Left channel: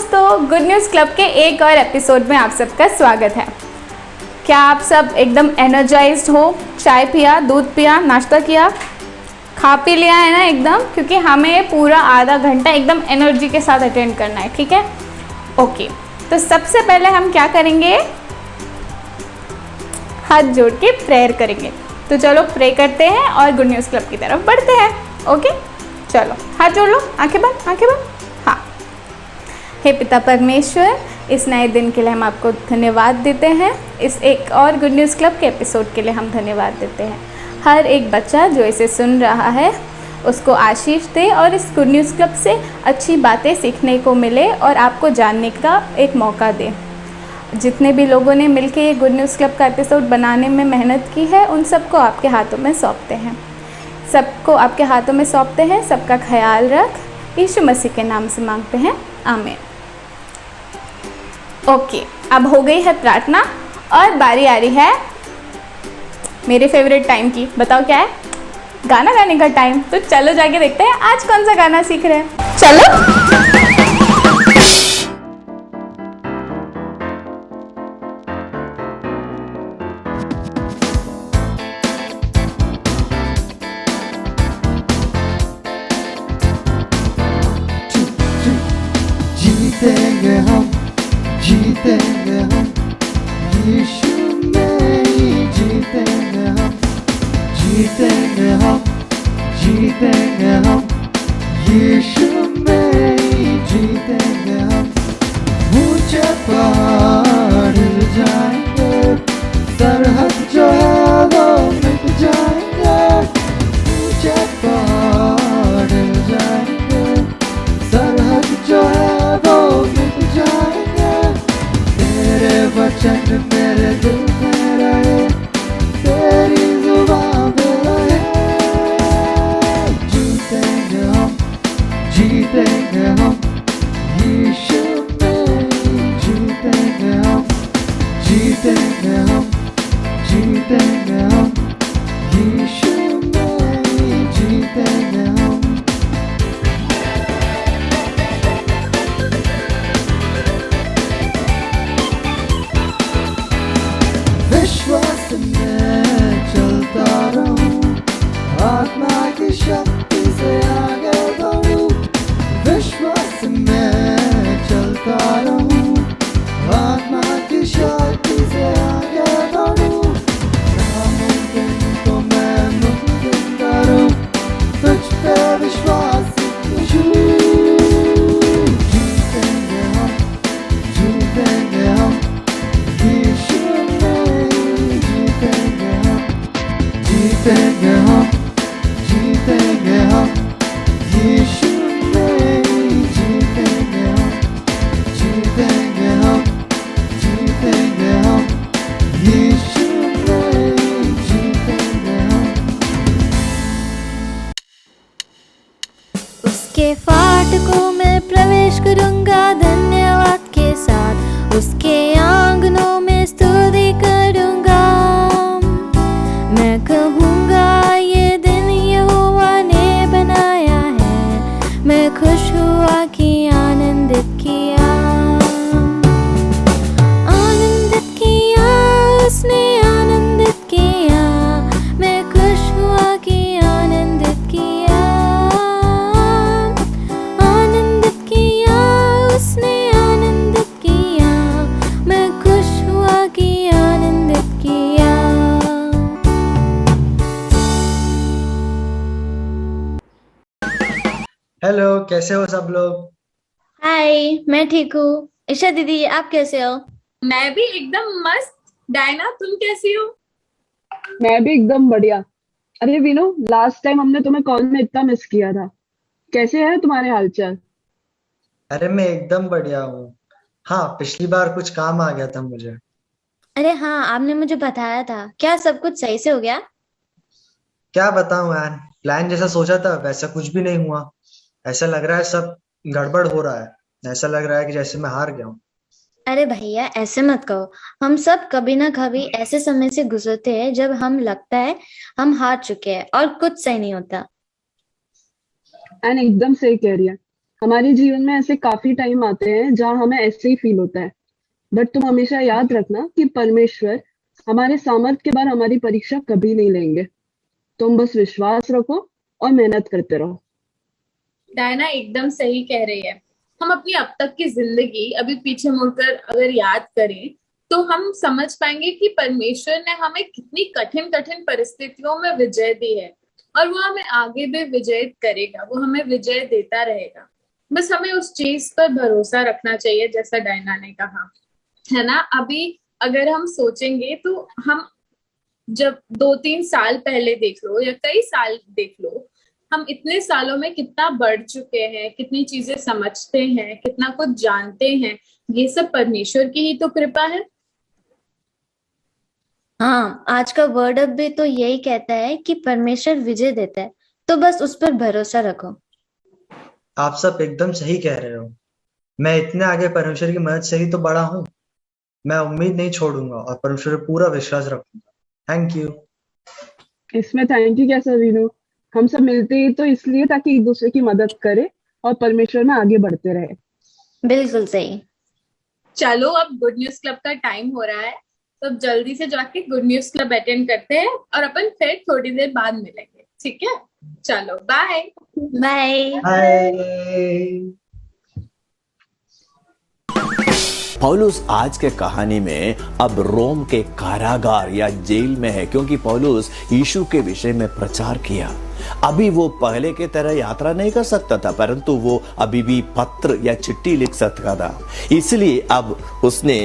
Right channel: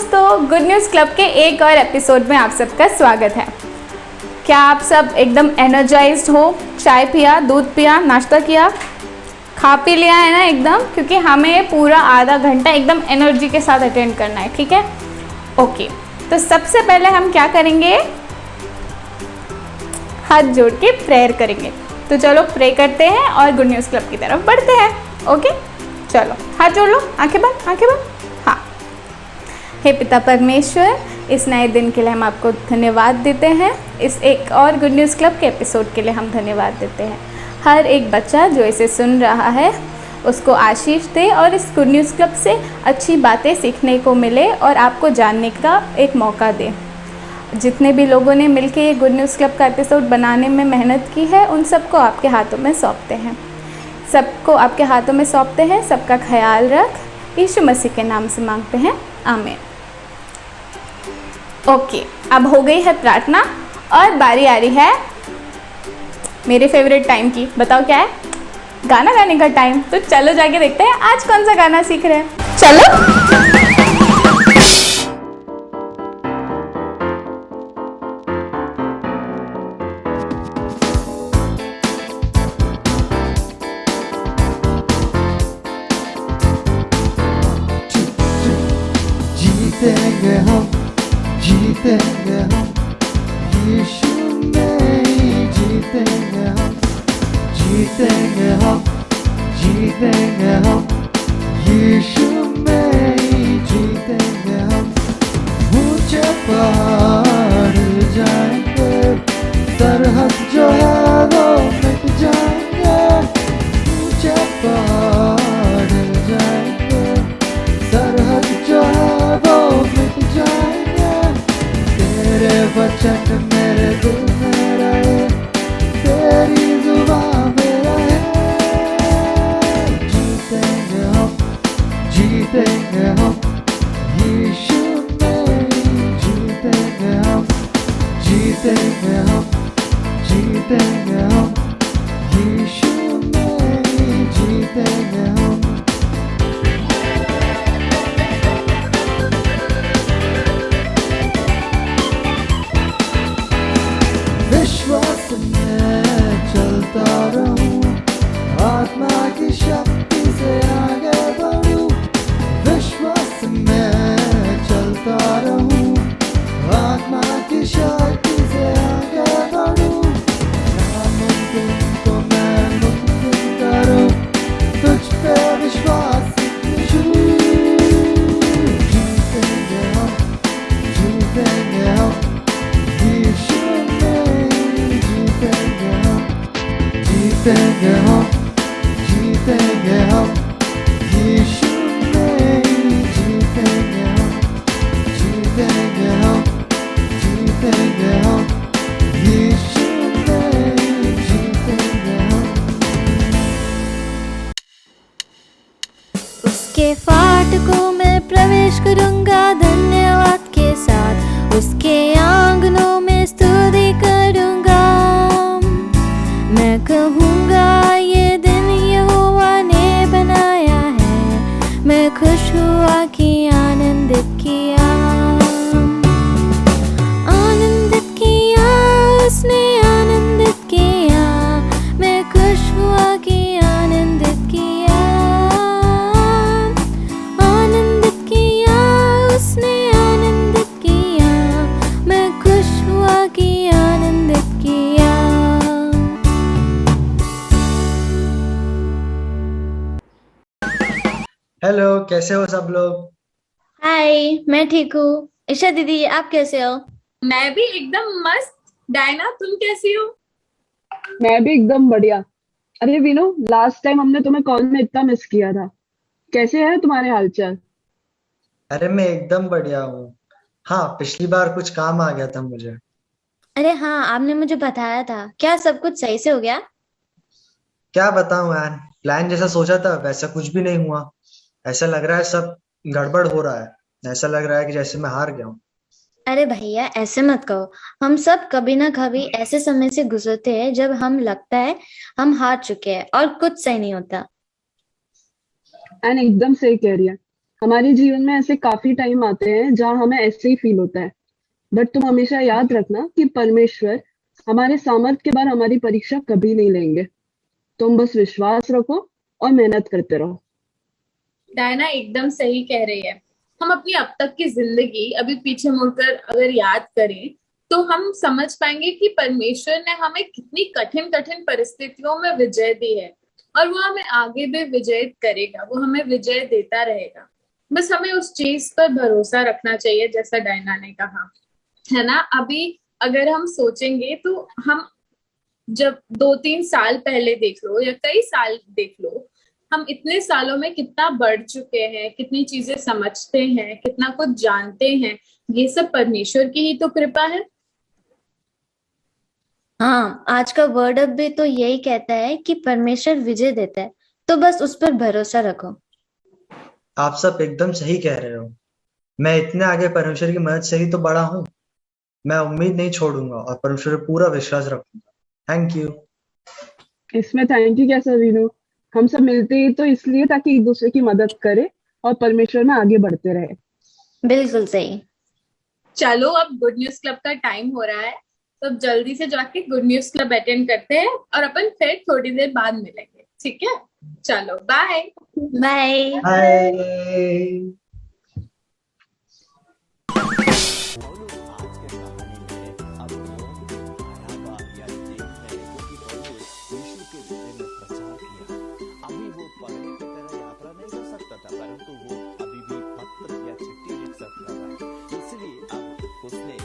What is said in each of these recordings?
दोस्तों, good news club के एक और एपिसोड में आप सबका स्वागत है। क्या आप सब एकदम एनर्जाइज्ड हो? चाय पिया, दूध पिया, नाश्ता किया, खा पी लिया है ना एकदम? क्योंकि हमें पूरा आधा घंटा एकदम एनर्जी के साथ अटेंड करना है, ठीक है? ओके, तो सबसे पहले हम क्या करेंगे? हाथ जोड़ के प्रेयर करेंगे। तो चलो प्रे करते हैं और गुड न्यूज़ क्लब की तरफ बढ़ते हैं। ओके, चलो हाथ जोड़ लो, आंखें बंद, आंखें बंद। हाँ, हे पिता परमेश्वर, इस नए दिन के लिए हम आपको धन्यवाद देते हैं। इस एक और गुड न्यूज़ क्लब के एपिसोड के लिए हम धन्यवाद देते हैं। हर एक बच्चा जो इसे सुन रहा है उसको आशीष दे और इस गुड न्यूज़ क्लब से अच्छी बातें सीखने को मिले और आपको जानने का एक मौका दे। जितने भी लोगों ने मिलकर ये गुड न्यूज़ क्लब का एपिसोड बनाने में मेहनत की है, उन सबको आपके हाथों में सौंपते हैं। सबको आपके हाथों में सौंपते हैं। सबका ख्याल रख, यीशु मसीह के नाम से मांगते हैं, आमीन। ओके, अब हो गई है प्रार्थना और बारी आ रही है मेरे फेवरेट टाइम की। बताओ क्या है? गाना गाने का टाइम। तो चलो जाके देखते हैं आज कौन सा गाना सीख रहे हैं। चलो। जीतेंगे हम, जीतेंगे हम, यीशु में ही जीतेंगे हम, जीतेंगे हम, जीतेंगे हम, यीशु में ही जीतेंगे हम। ऊंचे पहाड़ हिल जाएंगे, सरहद जो है वो मिट जाएंगे। ऊंचे पहाड़ हिल जाएंगे, सरहद जो है वो मिट जाएंगे। तेरे वचन मेरे दिल में रहे, तेरी जुबान में रहे। जीतेंगे हम, जीतेंगे हम, यीशु में जीतेंगे हम, जीतेंगे हम, जीतेंगे हम, यीशु में जीतेंगे हम। विश्वास में चलता रहूं, आत्मा की शक्ति से आगे बढ़ूं। विश्वास में चलता रहूं, आत्मा की शक्ति से आगे बढ़ूं। नामुमकिन को मैं मुमकिन करूं, तुझ पे विश्वास यीशु। जीतेंगे हम, जीतेंगे हम, यीशु जीतेंगे हम, जीतेंगे हम, जीतेंगे हम, यीशु में जीतेंगे हम, जीतेंगे हम, जीतेंगे हम, यीशु में जीतेंगे हम। उसके फाटकों में प्रवेश करूंगा धन्यवाद के साथ, उसके आंगनों में स्तुति करूंगा। मैं कहूँगा ये दिन यहोवा ने बनाया है, मैं खुश हुआ कि आनंदित किया, आनंदित किया, उसने आनंदित किया। मैं खुश हुआ कि आनंदित किया, आनंदित किया, उसने आनंदित किया। मैं खुश हुआ कि आनंदित किया। हेलो, कैसे हो सब लोग? हाय, मैं ठीक हूँ। ईशा दीदी, आप कैसे हो? मैं भी एकदम मस्त। डायना, तुम कैसी हो? मैं भी एकदम बढ़िया। अरे वीनू, लास्ट टाइम हमने तुम्हें कॉल में इतना मिस किया था। कैसे है तुम्हारे हालचाल? अरे मैं एकदम बढ़िया हूँ। हाँ, पिछली बार कुछ काम आ गया था मुझे। अरे हाँ, आपने मुझे बताया था। क्या सब कुछ सही से हो गया? क्या बताऊँ यार, प्लान जैसा सोचा था वैसा कुछ भी नहीं हुआ। ऐसा लग रहा है सब गड़बड़ हो रहा है। ऐसा लग रहा है कि जैसे मैं हार गया हूँ। अरे भैया, ऐसे मत कहो। हम सब कभी ना कभी ऐसे समय से गुजरते हैं जब हम लगता है हम हार चुके हैं और कुछ सही नहीं होता। एंड एकदम सही कह रही है। हमारे जीवन में ऐसे काफी टाइम आते हैं जहाँ हमें ऐसे ही फील होता है, बट तुम हमेशा याद रखना कि परमेश्वर हमारे सामर्थ्य के बाद हमारी परीक्षा कभी नहीं लेंगे। तुम बस विश्वास रखो और मेहनत करते रहो। डायना एकदम सही कह रही है। हम अपनी अब तक की जिंदगी अभी पीछे मुड़कर अगर याद करें तो हम समझ पाएंगे कि परमेश्वर ने हमें कितनी कठिन कठिन परिस्थितियों में विजय दी है और वो हमें आगे भी विजय करेगा, वो हमें विजय देता रहेगा। बस हमें उस चीज पर भरोसा रखना चाहिए, जैसा डायना ने कहा, है ना। अभी अगर हम सोचेंगे तो हम जब 2-3 साल पहले देख लो या कई साल देख लो, हम इतने सालों में कितना बढ़ चुके हैं, कितनी चीजें समझते हैं, कितना कुछ जानते हैं। ये सब परमेश्वर की ही तो कृपा है। हाँ, आज का वर्ड अप भी तो यही कहता है कि परमेश्वर विजय देता है, तो बस उस पर भरोसा रखो। आप सब एकदम सही कह रहे हो। मैं इतने आगे परमेश्वर की मदद से ही तो बड़ा हूँ। मैं उम्मीद नहीं छोड़ूंगा और परमेश्वर पर पूरा विश्वास रखूंगा। Thank you. इसमें थैंक यू कैसा वीनू? हम सब मिलते ही तो इसलिए ताकि एक दूसरे की मदद करें और परमेश्वर में आगे बढ़ते रहे। बिल्कुल सही। चलो अब गुड न्यूज क्लब का टाइम हो रहा है, तो अब जल्दी से जाके गुड न्यूज क्लब अटेंड करते हैं और अपन फिर थोड़ी देर बाद मिलेंगे, ठीक है? चलो बाय। बाय। हाय। पौलुस आज के कहानी में अब रोम के कारागार या जेल में है, क्योंकि पौलुस यीशु के विषय में प्रचार किया। अभी वो पहले के तरह यात्रा नहीं कर सकता था, परंतु वो अभी भी पत्र या चिट्ठी लिख सकता था। इसलिए अब उसने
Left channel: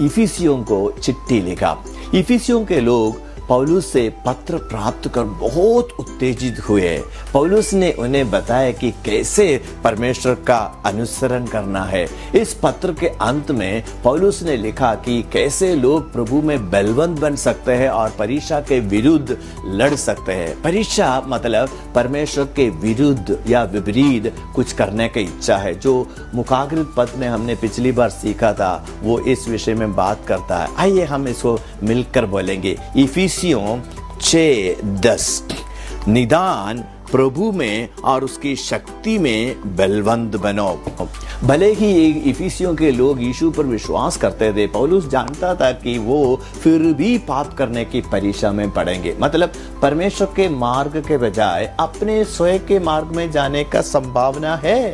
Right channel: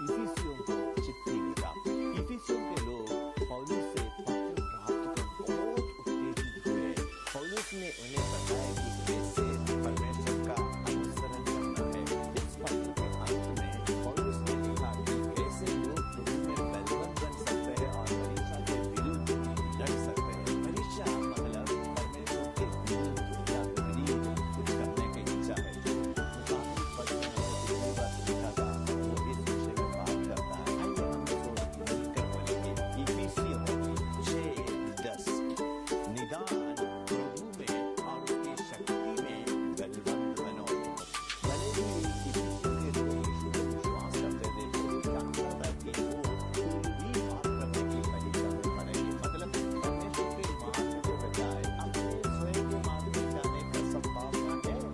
इफिसियों को चिट्ठी लिखा। इफिसियों के लोग पौलुस से पत्र प्राप्त कर बहुत उत्तेजित हुए। पौलुस ने उन्हें बताया कि कैसे परमेश्वर का अनुसरण करना है। इस पत्र के अंत में पौलुस ने लिखा कि कैसे लोग प्रभु में बलवंत बन सकते हैं और परीक्षा के विरुद्ध लड़ सकते हैं। परीक्षा मतलब परमेश्वर के विरुद्ध या विपरीत कुछ करने की इच्छा है। जो मुखाग्रित पद में हमने पिछली बार सीखा था वो इस विषय में बात करता है। आइए हम इसको मिलकर बोलेंगे। इफिसियों 6:10 निदान प्रभु में और उसकी शक्ति में बलवंत बनो। भले ही इफिसियों के लोग यीशु पर विश्वास करते थे, पौलुस जानता था कि वो फिर भी पाप करने की परीक्षा में पड़ेंगे। मतलब परमेश्वर के मार्ग के बजाय अपने स्वयं के मार्ग में जाने का संभावना है।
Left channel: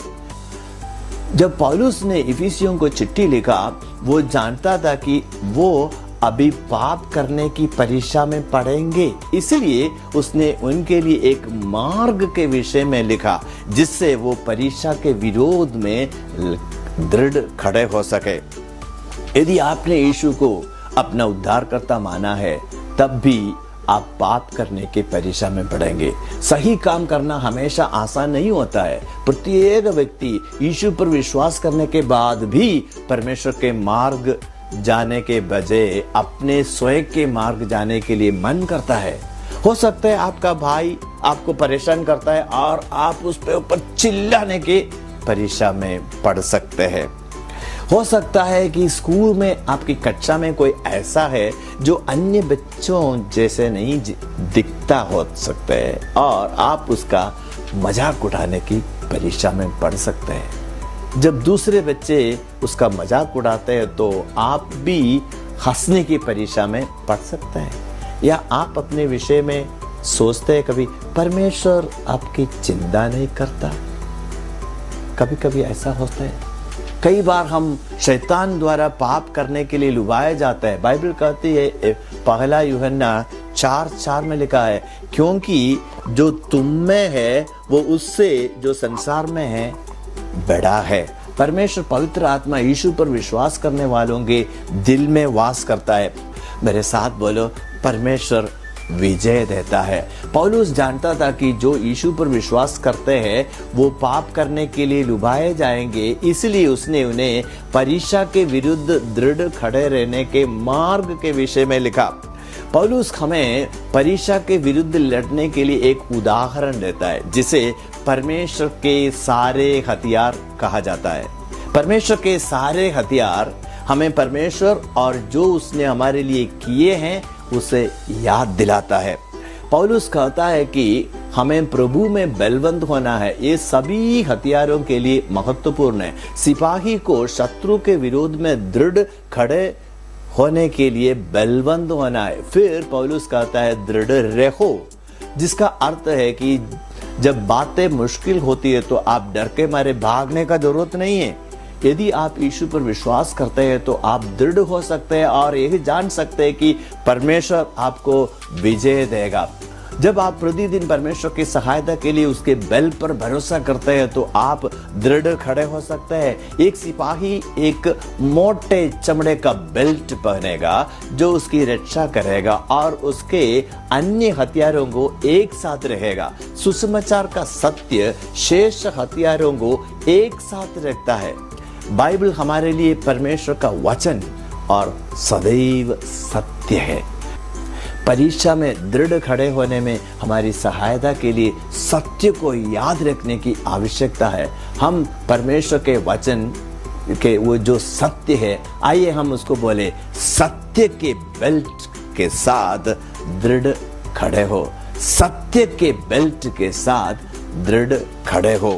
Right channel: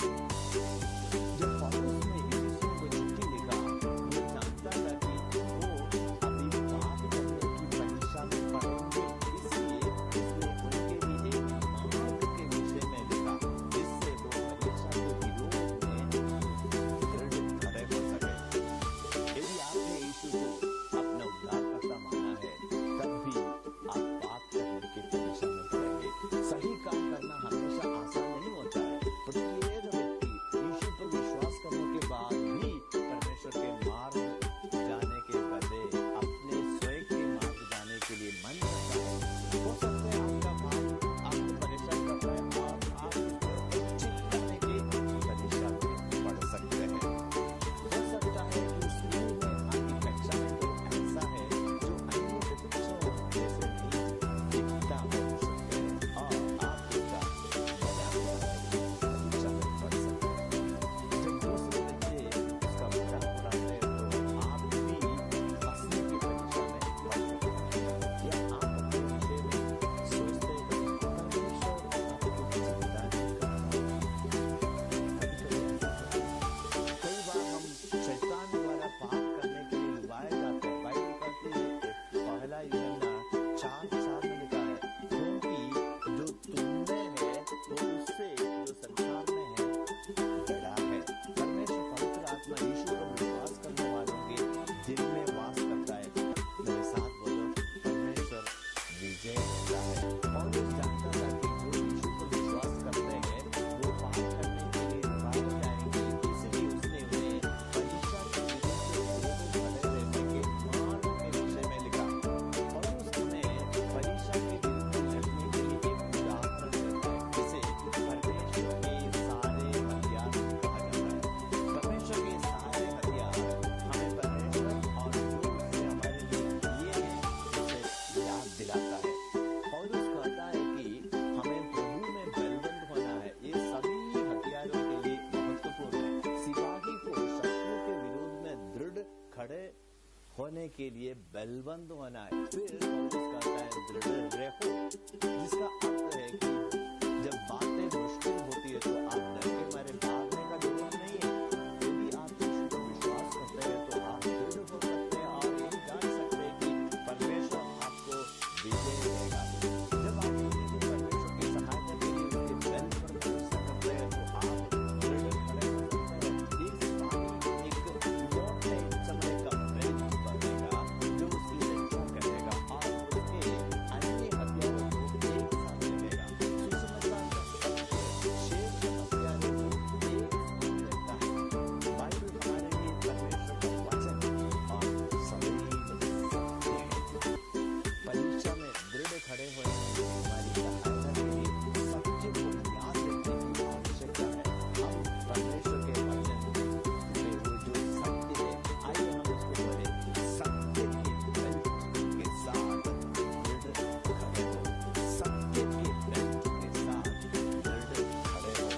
जब पौलुस ने इफिसियों को चिट्ठी लिखा, वो जानता था कि वो अभी पाप करने की परीक्षा में पड़ेंगे, इसलिए उसने उनके लिए एक मार्ग के विषय में लिखा जिससे वो परीक्षा के विरोध में दृढ़ खड़े हो सके। यदि आपने यीशु को अपना उद्धारकर्ता माना है, तब भी आप पाप करने की परीक्षा में पड़ेंगे। सही काम करना हमेशा आसान नहीं होता है। प्रत्येक व्यक्ति यीशु पर विश्वास करने के बाद भी परमेश्वर के मार्ग जाने के बजाय अपने स्वयं के मार्ग जाने के लिए मन करता है। हो सकता है आपका भाई आपको परेशान करता है और आप उस पे ऊपर चिल्लाने की परीक्षा में पड़ सकते हैं। हो सकता है कि स्कूल में आपकी कक्षा में कोई ऐसा है जो अन्य बच्चों जैसे नहीं दिखता हो सकता है और आप उसका मजाक उड़ाने की परीक्षा में पड़ सकते हैं। जब दूसरे बच्चे उसका मजाक उड़ाते हैं तो आप भी हंसने की परीक्षा में पड़ सकते हैं। या आप अपने विषय में सोचते हैं कभी परमेश्वर आपकी चिंता नहीं करता। कभी कभी ऐसा होता है। कई बार हम शैतान द्वारा पाप करने के लिए लुभाए जाते हैं। बाइबल कहती है, पहला यूहन्ना 4:4 में लिखा है, क्योंकि जो तुम में है वो उससे जो संसार में है बड़ा है। परमेश्वर पवित्र आत्मा यीशु पर विश्वास करने वालों के दिल में वास करता है। मेरे साथ बोलो, परमेश्वर विजय देता है। पौलुस जानता था कि जो यीशु पर विश्वास करते हैं वो पाप करने के लिए लुभाए जाएंगे, इसलिए उसने उन्हें परीक्षा के विरुद्ध दृढ़ खड़े रहने के मार्ग के विषय में लिखा। पौलुस हमें परीक्षा के विरुद्ध लड़ने के लिए एक उदाहरण देता है जिसे परमेश्वर के सारे हथियार कहा जाता है। परमेश्वर के सारे हथियार हमें परमेश्वर और जो उसने हमारे लिए किए हैं उसे याद दिलाता है। पौलुस कहता है कि हमें प्रभु में बलवंत होना है। ये सभी हथियारों के लिए महत्वपूर्ण है। सिपाही को शत्रु के विरोध में दृढ़ खड़े होने के लिए बलवंत होना है। फिर पौलुस कहता है दृढ़ रहो, जिसका अर्थ है कि जब बातें मुश्किल होती है तो आप डर के मारे भागने का जरूरत नहीं है। यदि आप यीशु पर विश्वास करते हैं तो आप दृढ़ हो सकते हैं और यही जान सकते हैं कि परमेश्वर आपको विजय देगा। जब आप प्रतिदिन परमेश्वर की सहायता के लिए उसके बल पर भरोसा करते हैं तो आप दृढ़ खड़े हो सकते हैं। एक सिपाही एक मोटे चमड़े का बेल्ट पहनेगा जो उसकी रक्षा करेगा और उसके अन्य हथियारों को एक साथ रहेगा। सुसमाचार का सत्य शेष हथियारों को एक साथ रखता है। बाइबल हमारे लिए परमेश्वर का वचन और सदैव सत्य है। परीक्षा में दृढ़ खड़े होने में हमारी सहायता के लिए सत्य को याद रखने की आवश्यकता है। हम परमेश्वर के वचन के वो जो सत्य है, आइए हम उसको बोले, सत्य के बेल्ट के साथ दृढ़ खड़े हो। सत्य के बेल्ट के साथ दृढ़ खड़े हो।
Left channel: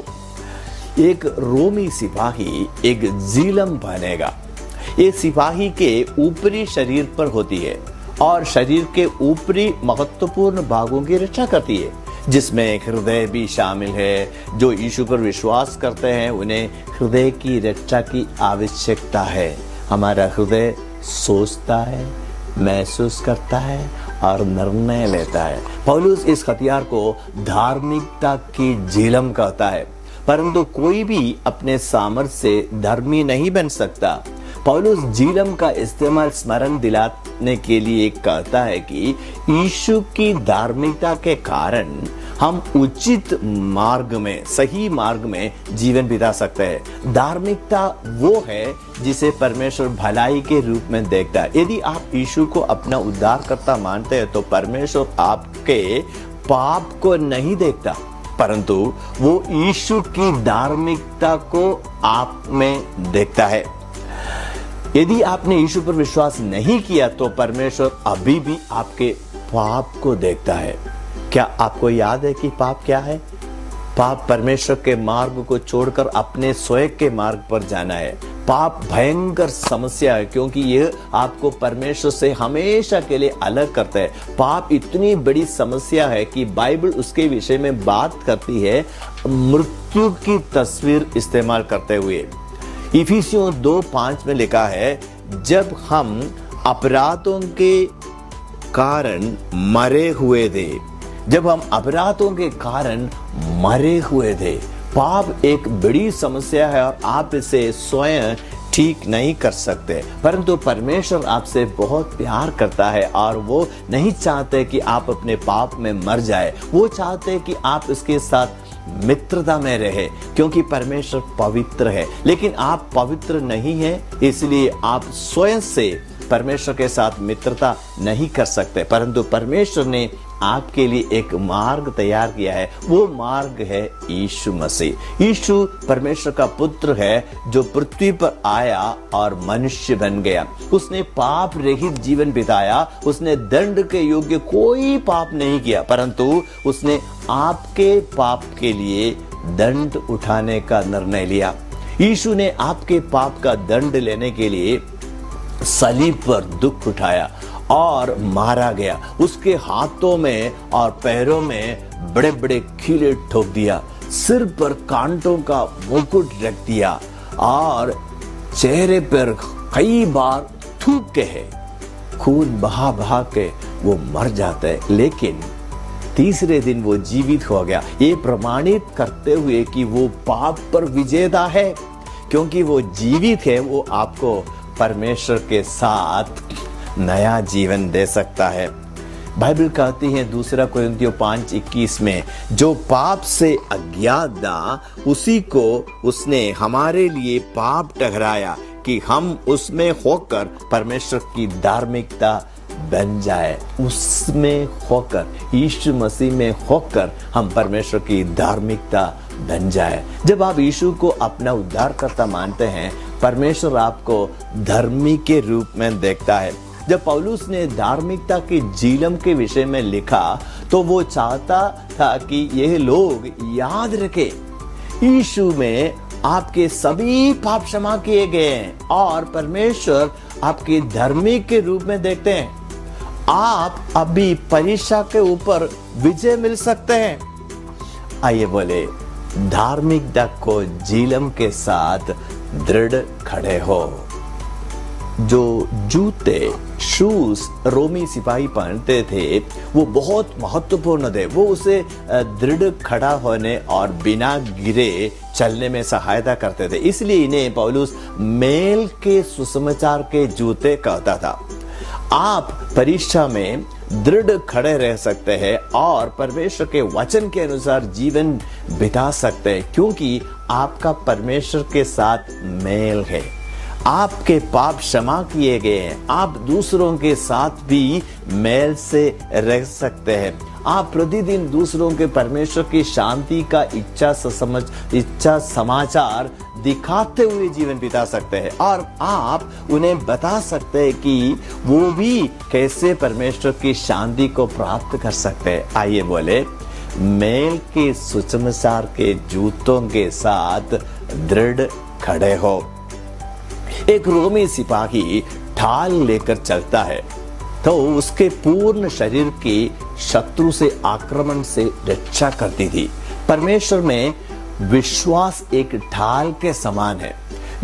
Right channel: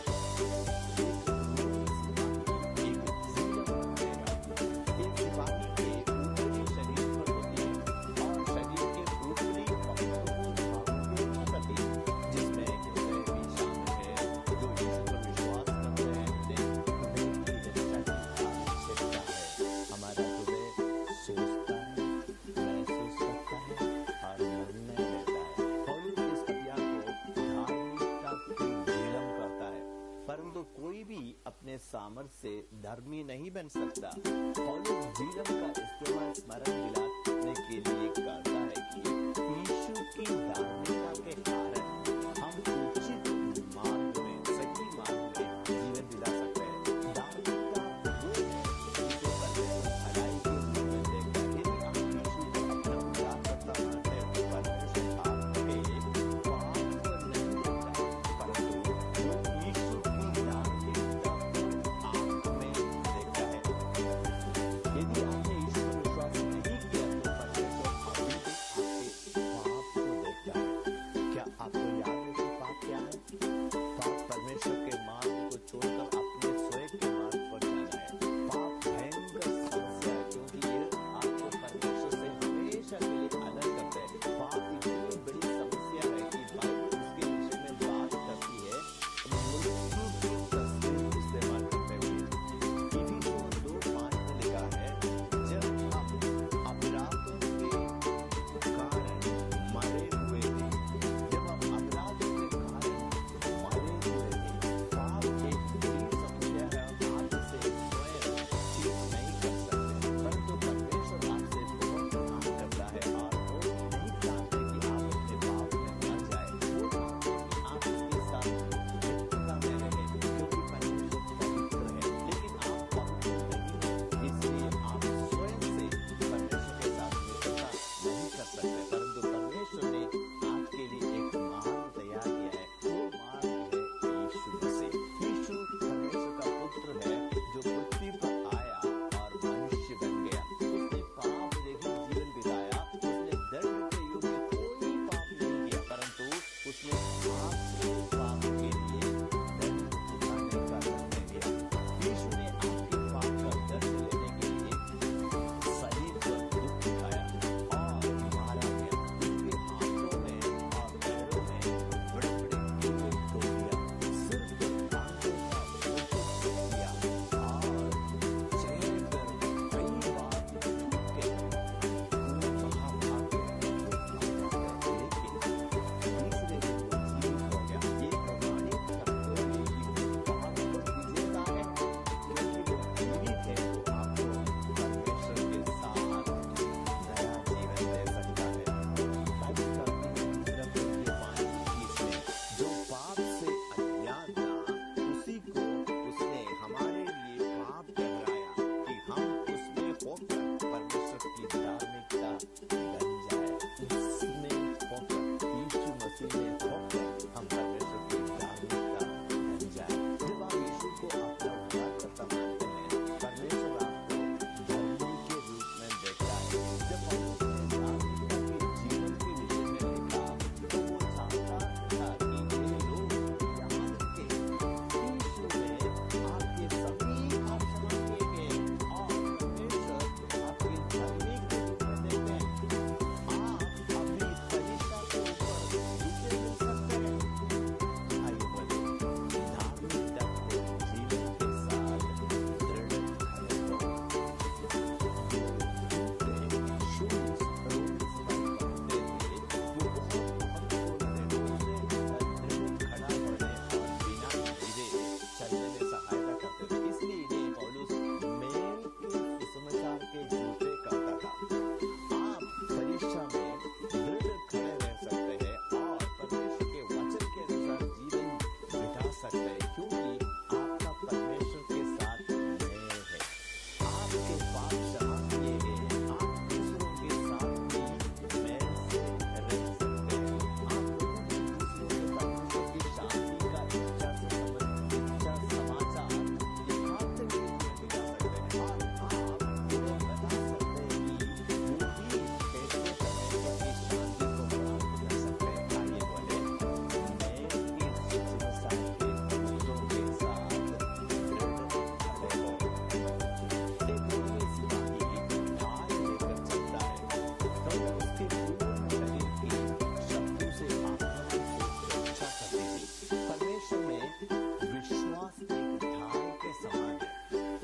एक रोमी सिपाही एक जीलम पहनेगा। ये सिपाही के ऊपरी शरीर पर होती है और शरीर के ऊपरी महत्वपूर्ण भागों की रक्षा करती है, जिसमें हृदय भी शामिल है। जो यीशु पर विश्वास करते हैं उन्हें हृदय की रक्षा की आवश्यकता है। हमारा हृदय सोचता है, महसूस करता है और निर्णय लेता है। पौलुस इस हथियार को धार्मिकता की झिलम कहता है, परंतु कोई भी अपने सामर्थ्य से धर्मी नहीं बन सकता। पौलुस झिलम का इस्तेमाल स्मरण दिलाने के लिए कहता है कि यीशु की धार्मिकता के कारण हम उचित मार्ग में, सही मार्ग में जीवन बिता सकते हैं। धार्मिकता वो है जिसे परमेश्वर भलाई के रूप में देखता है। यदि आप यीशु को अपना उद्धारकर्ता मानते हैं तो परमेश्वर आपके पाप को नहीं देखता, परंतु वो यीशु की धार्मिकता को आप में देखता है। यदि आपने यीशु पर विश्वास नहीं किया तो परमेश्वर अभी भी आपके पाप को देखता है। क्या आपको याद है कि पाप क्या है? पाप परमेश्वर के मार्ग को छोड़कर अपने स्वयं के मार्ग पर जाना है। पाप भयंकर समस्या है क्योंकि यह आपको परमेश्वर से हमेशा के लिए अलग करता है। पाप इतनी बड़ी समस्या है कि बाइबल उसके विषय में बात करती है मृत्यु की तस्वीर इस्तेमाल करते हुए। इफिसियों 2:5 में लिखा है, जब हम अपराधों के कारण मरे हुए थे, जब हम अपराधों के कारण मरे हुए थे। पाप एक बड़ी समस्या है और आप इसे स्वयं ठीक नहीं कर सकते, परंतु परमेश्वर आपसे बहुत प्यार करता है और वो नहीं चाहते कि आप अपने पाप में मर जाए। वो चाहते कि आप इसके साथ मित्रता में रहे, क्योंकि परमेश्वर पवित्र है। लेकिन आप पवित्र नहीं हैं, इसलिए आप स्वयं से परमेश्वर के साथ मित्रता नहीं कर सकते, परंतु परमेश्वर ने आपके लिए एक मार्ग तैयार किया है। वो मार्ग है यीशु मसीह। यीशु परमेश्वर का पुत्र है जो पृथ्वी पर आया और मनुष्य बन गया। उसने पाप रहित जीवन बिताया। उसने दंड के योग्य कोई पाप नहीं किया, परंतु उसने आपके पाप के लिए दंड उठाने का निर्णय लिया। यीशु ने आपके पाप का दंड लेने के लिए सलीब पर दुख उठाया और मारा गया। उसके हाथों में और पैरों में बड़े बड़े कीले ठोक दिया, सिर पर कांटों का मुकुट रख दिया और चेहरे पर कई बार थूके है, खून बहा बहा के वो मर जाता है, लेकिन तीसरे दिन वो जीवित हो गया। ये प्रमाणित करते हुए कि वो पाप पर विजेता है, क्योंकि वो जीवित है। वो आपको परमेश्वर के साथ नया जीवन दे सकता है। बाइबल कहती है 2 कोरिन्थियों 5:21 में, जो पाप से अज्ञात था उसी को उसने हमारे लिए पाप ठहराया कि हम उसमें होकर परमेश्वर की धार्मिकता बन जाए। उसमें होकर, यीशु मसीह में होकर हम परमेश्वर की धार्मिकता बन जाए। जब आप यीशु को अपना उद्धारकर्ता मानते हैं, परमेश्वर आपको धर्मी के रूप में देखता है। जब पौलुस ने धार्मिकता के झिलम के विषय में लिखा तो वो चाहता था कि यह लोग याद रखें यीशु में आपके सभी पाप क्षमा किए गए हैं और परमेश्वर आपके धर्मी के रूप में देखते हैं। आप अभी परीक्षा के ऊपर विजय मिल सकते हैं। आइए बोले, धार्मिकता को जीवन के साथ दृढ़ खड़े हो। जो जूते शूज रोमी सिपाही पहनते थे वो बहुत महत्वपूर्ण थे। वो उसे दृढ़ खड़ा होने और बिना गिरे चलने में सहायता करते थे। इसलिए इन्हें पौलुस मेल के सुसमाचार के जूते कहता था। आप परीक्षा में दृढ़ खड़े रह सकते हैं और परमेश्वर के वचन के अनुसार जीवन बिता सकते हैं, क्योंकि आपका परमेश्वर के साथ मेल है। आपके पाप क्षमा किए गए हैं। आप दूसरों के साथ भी मेल से रह सकते हैं। आप प्रतिदिन दूसरों के परमेश्वर की शांति का इच्छा समाचार दिखाते हुए जीवन बिता सकते हैं और आप उन्हें बता सकते हैं कि वो भी कैसे परमेश्वर की शांति को प्राप्त कर सकते हैं। आइए बोले, मेल के सुसमाचार के जूतों के साथ दृढ़ खड़े हो। एक रोमी सिपाही ढाल लेकर चलता है तो उसके पूर्ण शरीर की शत्रु से आक्रमण से रक्षा करती थी। परमेश्वर में विश्वास एक ढाल के समान है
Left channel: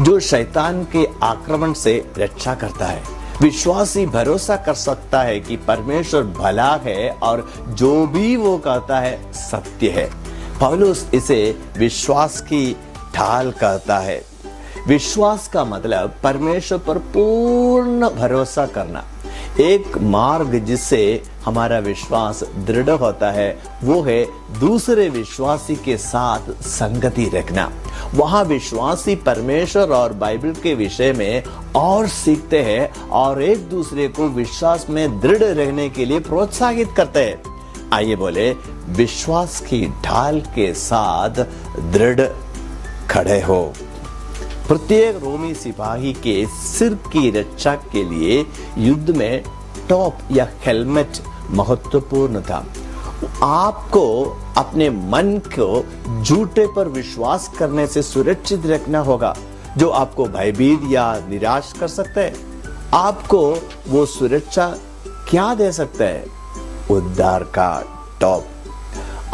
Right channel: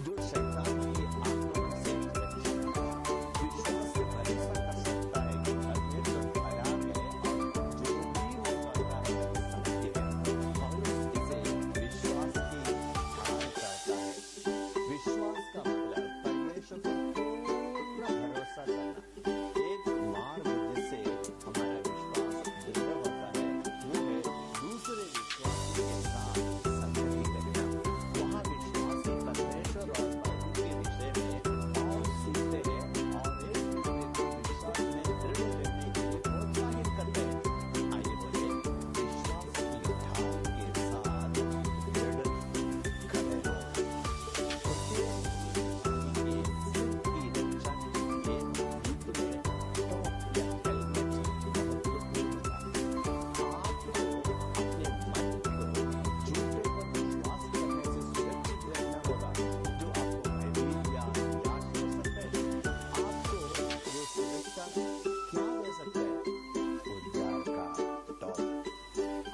जो शैतान के आक्रमण से रक्षा करता है। विश्वासी भरोसा कर सकता है कि परमेश्वर भला है और जो भी वो कहता है सत्य है। पौलुस इसे विश्वास की ढाल कहता है। विश्वास का मतलब परमेश्वर पर पूर्ण भरोसा करना। एक मार्ग जिससे हमारा विश्वास दृढ़ होता है वो है दूसरे विश्वासी के साथ संगति रखना। वहाँ विश्वासी परमेश्वर और बाइबल के विषय में और सीखते हैं और एक दूसरे को विश्वास में दृढ़ रहने के लिए प्रोत्साहित करते हैं। आइए बोले, विश्वास की ढाल के साथ दृढ़ खड़े हो। प्रत्येक रोमी सिपाही के सिर की रक्षा के लिए युद्ध में टॉप या हेलमेट महत्वपूर्ण था। आपको अपने मन को झूठे पर विश्वास करने से सुरक्षित रखना होगा जो आपको भयभीत या निराश कर सकता है। आपको वो सुरक्षा क्या दे सकता है? उद्धार का टॉप।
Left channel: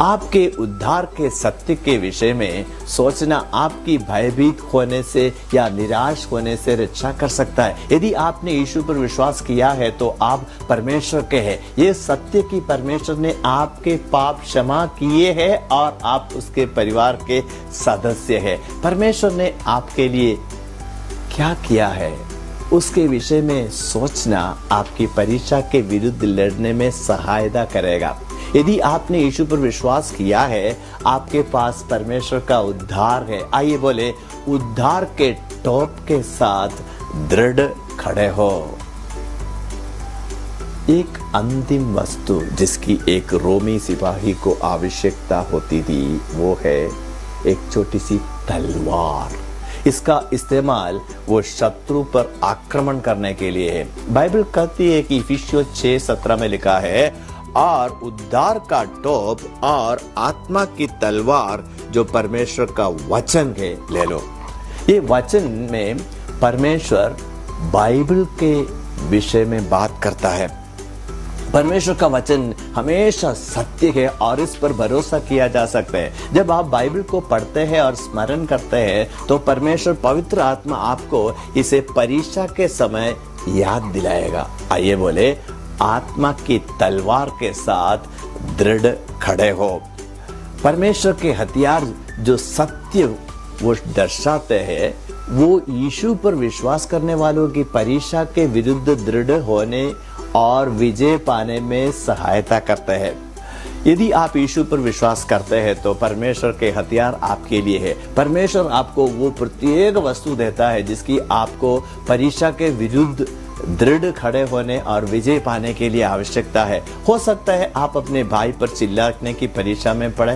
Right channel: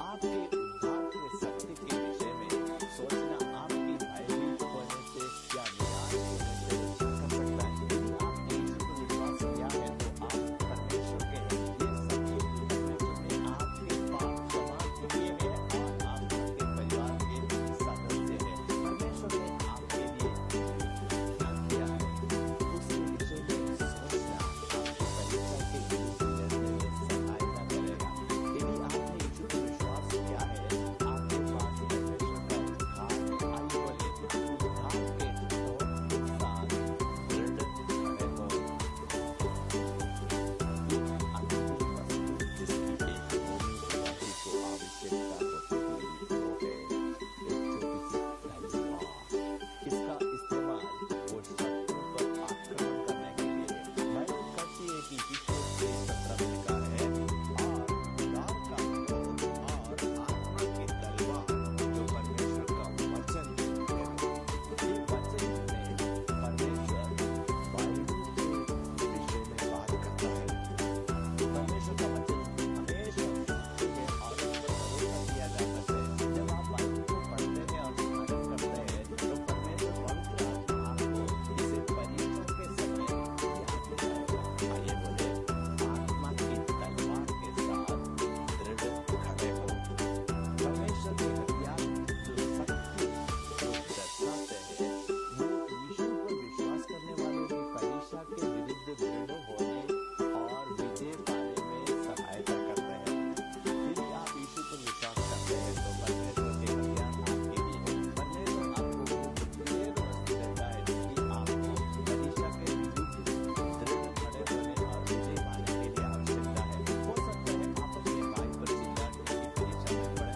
आपके उद्धार के सत्य के विषय में सोचना आपकी भयभीत होने से या निराश होने से रक्षा कर सकता है। यदि आपने यीशु पर विश्वास किया है तो आप परमेश्वर के हैं। ये सत्य कि परमेश्वर ने आपके पाप क्षमा किए हैं और आप उसके परिवार के सदस्य हैं। परमेश्वर ने आपके लिए क्या किया है उसके विषय में सोचना आपकी परीक्षा के विरुद्ध लड़ने में सहायता करेगा। यदि आपने यीशु पर विश्वास किया है, आपके पास परमेश्वर का उद्धार है। आइए बोले, उद्धार के टॉप के साथ दृढ़ खड़े हो। एक अंतिम वस्तु जिसकी एक रोमी सिपाही को आवश्यकता होती थी वो है एक छोटी सी तलवार। इसका इस्तेमाल वो शत्रु पर आक्रमण करने के लिए है। बाइबल कहती है कि इफिसियों 6:17 में लिखा है, और उद्धार का टोप और आत्मा की तलवार जो परमेश्वर का वचन है ले लो। ये वचन में परमेश्वर बाइबल के विषय में बात करता है। परमेश्वर का वचन हमेशा सत्य है और इस पर भरोसा किया जा सकता है। जब आप बाइबल को पढ़ते हैं और स्मरण करते हैं तो परमेश्वर पवित्र आत्मा आपको इसे परीक्षा के समय याद दिलाएगा। आइए बोले, आत्मा की तलवार के साथ दृढ़ खड़े हो। परमेश्वर के हथियार जो सत्य वो दर्शाते हैं वो यीशु पर विश्वास करने वालों की परीक्षा के विरुद्ध दृढ़ होने और विजय पाने में सहायता करते हैं। यदि आप यीशु पर विश्वास करते हैं तो परमेश्वर के हथियार आपके लिए है। परमेश्वर आपको वो प्रत्येक वस्तु देता है जिसकी आपको परीक्षा के विरुद्ध दृढ़ खड़े होने और विजय पाने के लिए आवश्यकता है। हो सकता है आप अपने भाई पर चिल्लाने की परीक्षा में पड़े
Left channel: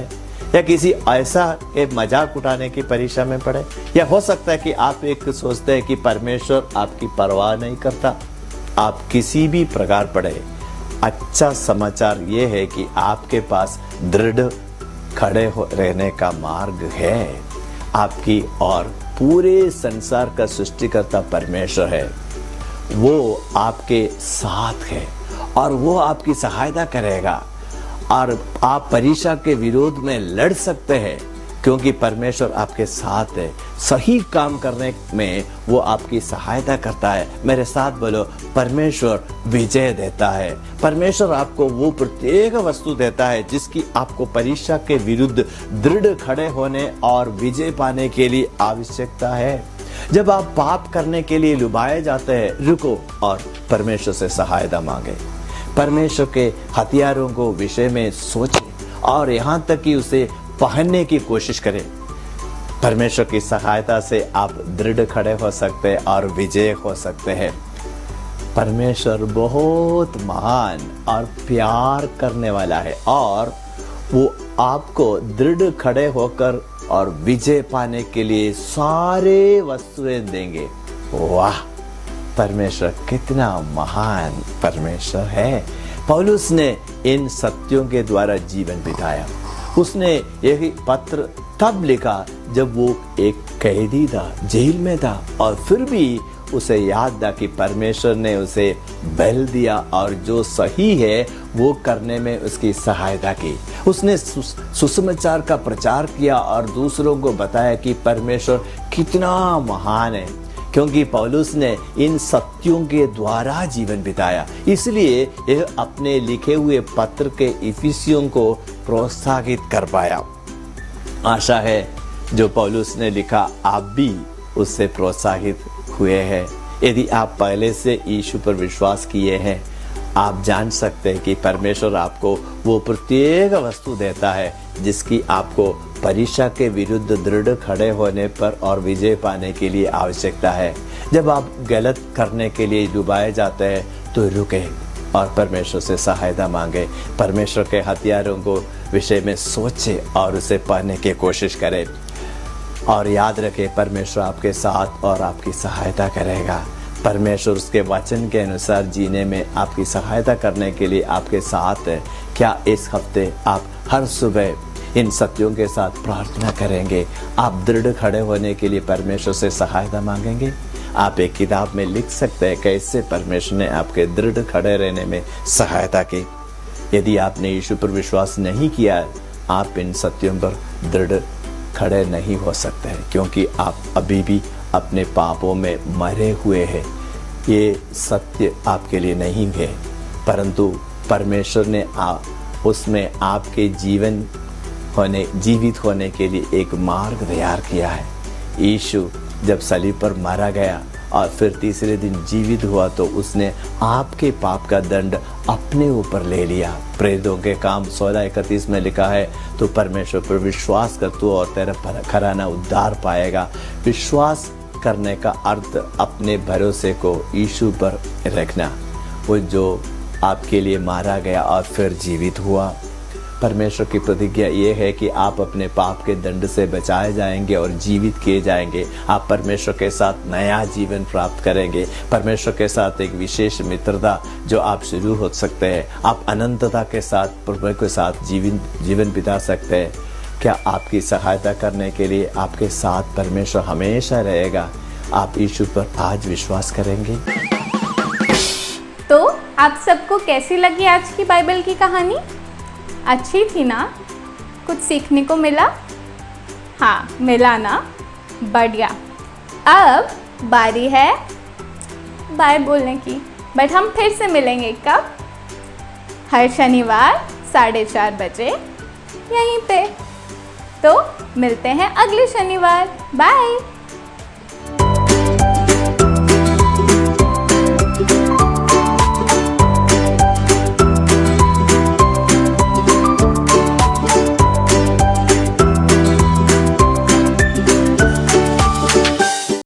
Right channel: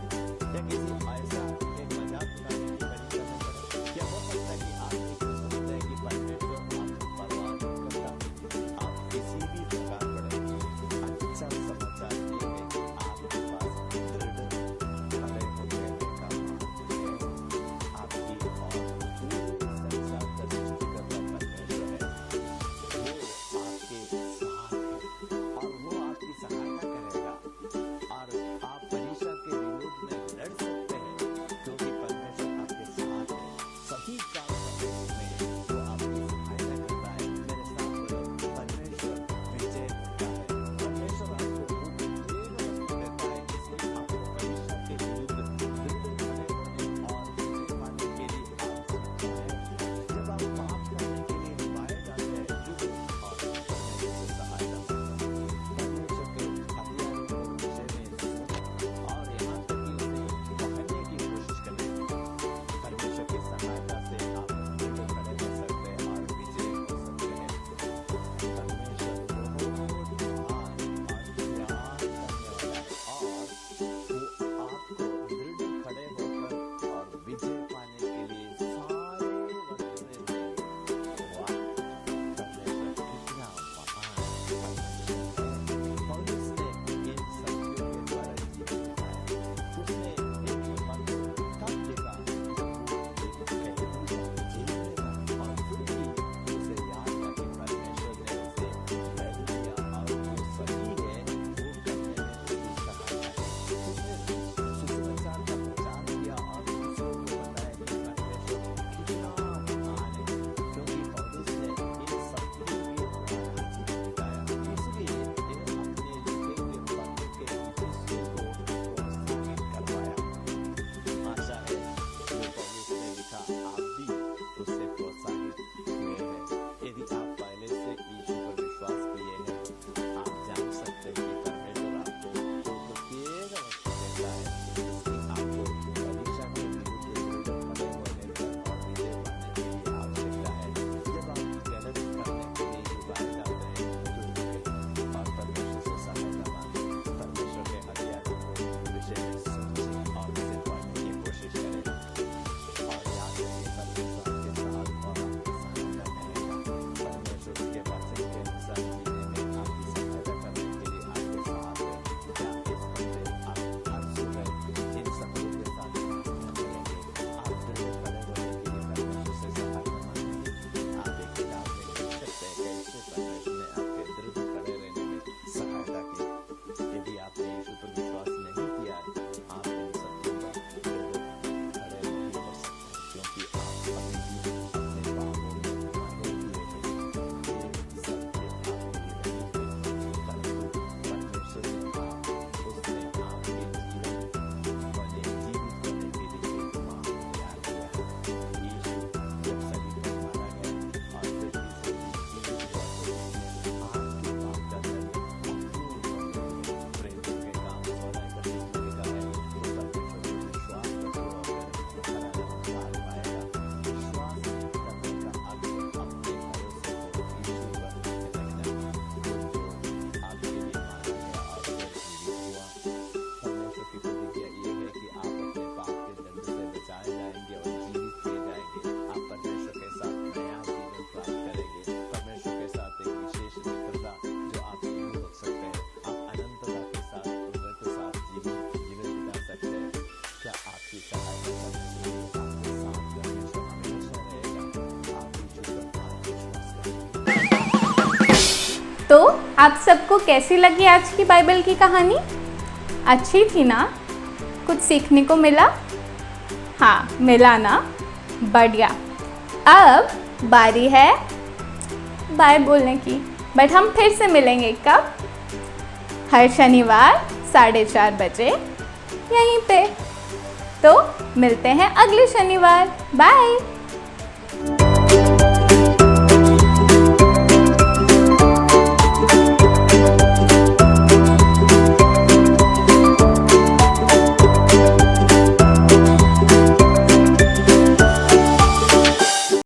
या किसी ऐसा एक मजाक उठाने की परीक्षा में पड़े, या हो सकता है कि आप एक सोचते हैं कि परमेश्वर आपकी परवाह नहीं करता। आप किसी भी प्रकार पड़े, अच्छा समाचार ये है कि आपके पास दृढ़ खड़े रहने का मार्ग है। आपकी और पूरे संसार का सृष्टिकर्ता परमेश्वर है, वो आपके साथ है और वो आपकी सहायता करेगा और आप परीक्षा के विरोध में लड़ सकते हैं क्योंकि परमेश्वर आपके साथ है। सही काम करने में वो आपकी सहायता करता है। मेरे साथ बोलो, परमेश्वर विजय देता है। परमेश्वर आपको वो प्रत्येक वस्तु देता है जिसकी आपको परीक्षा के विरुद्ध दृढ़ खड़े होने और विजय पाने के लिए आवश्यकता है। जब आप पाप करने के लिए लुभाए जाते हैं, रुको और परमेश्वर से सहायता मांगे। परमेश्वर के हथियारों को विषय में सोचें और यहाँ तक कि उसे पहनने की कोशिश करें। परमेश्वर की सहायता से आप दृढ़ खड़े हो सकते हैं और विजय हो सकते हैं। परमेश्वर बहुत महान और प्यार करने वाला है और वो आपको दृढ़ खड़े होकर और विजय पाने के लिए सारे वस्तुएं देंगे। वाह, परमेश्वर कितना महान परमेश्वर है। पौलुस ने इन सत्यों के द्वारा जीवन बिताया। उसने यही पत्र तब लिखा जब वो एक कैदी था, जेल में था, और फिर भी उसे याद था कि परमेश्वर ने उसे बल दिया और जो सही है वो करने में उसकी सहायता की। उसने सुसमाचार का प्रचार किया और दूसरों को बताया कि परमेश्वर कितना महान है, क्योंकि पौलुस ने इन सत्यों के द्वारा जीवन बिताया। इसलिए यह अपने लिखे हुए पत्र के इफिसियों को प्रोत्साहित कर पाया। आशा है जो पौलुस ने लिखा आप भी उससे प्रोत्साहित हुए हैं। यदि आप पहले से यीशु पर विश्वास किए हैं, आप जान सकते हैं कि परमेश्वर आपको वो प्रत्येक वस्तु देता है जिसकी आपको परीक्षा के विरुद्ध दृढ़ खड़े होने पर और विजय पाने के लिए आवश्यकता है। जब आप गलत करने के लिए डुबाए जाते हैं तो रुके और परमेश्वर से सहायता मांगे। परमेश्वर के हथियारों को विषय में सोचें और उसे पाने की कोशिश करें और याद रखें, परमेश्वर आपके साथ और आपकी सहायता करेगा। परमेश्वर उसके वचन के अनुसार जीने में आपकी सहायता करने के लिए आपके साथ है। क्या इस हफ्ते आप हर सुबह इन सत्यों के साथ प्रार्थना करेंगे? आप दृढ़ खड़े होने के लिए परमेश्वर से सहायता मांगेंगे? आप एक किताब में लिख सकते हैं कैसे परमेश्वर ने आपके दृढ़ खड़े रहने में सहायता की। यदि आपने यीशु पर विश्वास नहीं किया, आप इन सत्यों पर दृढ़ खड़े नहीं हो सकते हैं, क्योंकि आप अभी भी अपने पापों में मरे हुए हैं। ये सत्य आपके लिए नहीं है, परंतु परमेश्वर ने उसमें आपके जीवित होने के लिए एक मार्ग तैयार किया है। यीशु जब सलीब पर मारा गया और फिर तीसरे दिन जीवित हुआ तो उसने आपके पाप का दंड अपने ऊपर ले लिया। प्रेरितों के काम 16:31 में लिखा है, तो परमेश्वर पर विश्वास कर तू और तेरा घराना उद्धार पाएगा। विश्वास करने का अर्थ अपने भरोसे को यीशु पर रखना, वो जो आपके लिए मारा गया और फिर जीवित हुआ। परमेश्वर की प्रतिज्ञा ये है कि आप अपने पाप के दंड से बचाए जाएंगे और जीवित किए जाएंगे। आप परमेश्वर के साथ नया जीवन प्राप्त करेंगे, परमेश्वर के साथ एक विशेष मित्रता जो आप शुरू हो सकते हैं। आप अनंतता के साथ प्रभु के साथ जीवन बिता सकते हैं। क्या आपकी सहायता करने के लिए आपके साथ परमेश्वर हमेशा रहेगा? आप यीशु पर आज विश्वास करेंगे? तो आप सबको कैसी लगी आज की बाइबल की कहानी? अच्छी थी ना? कुछ सीखने को मिला? हाँ, मिला ना? बढ़िया। अब बारी है बाय बोलने की, बट हम फिर से मिलेंगे कब? हर शनिवार 4:30 बजे यहीं पे। तो मिलते हैं अगले शनिवार। बाय।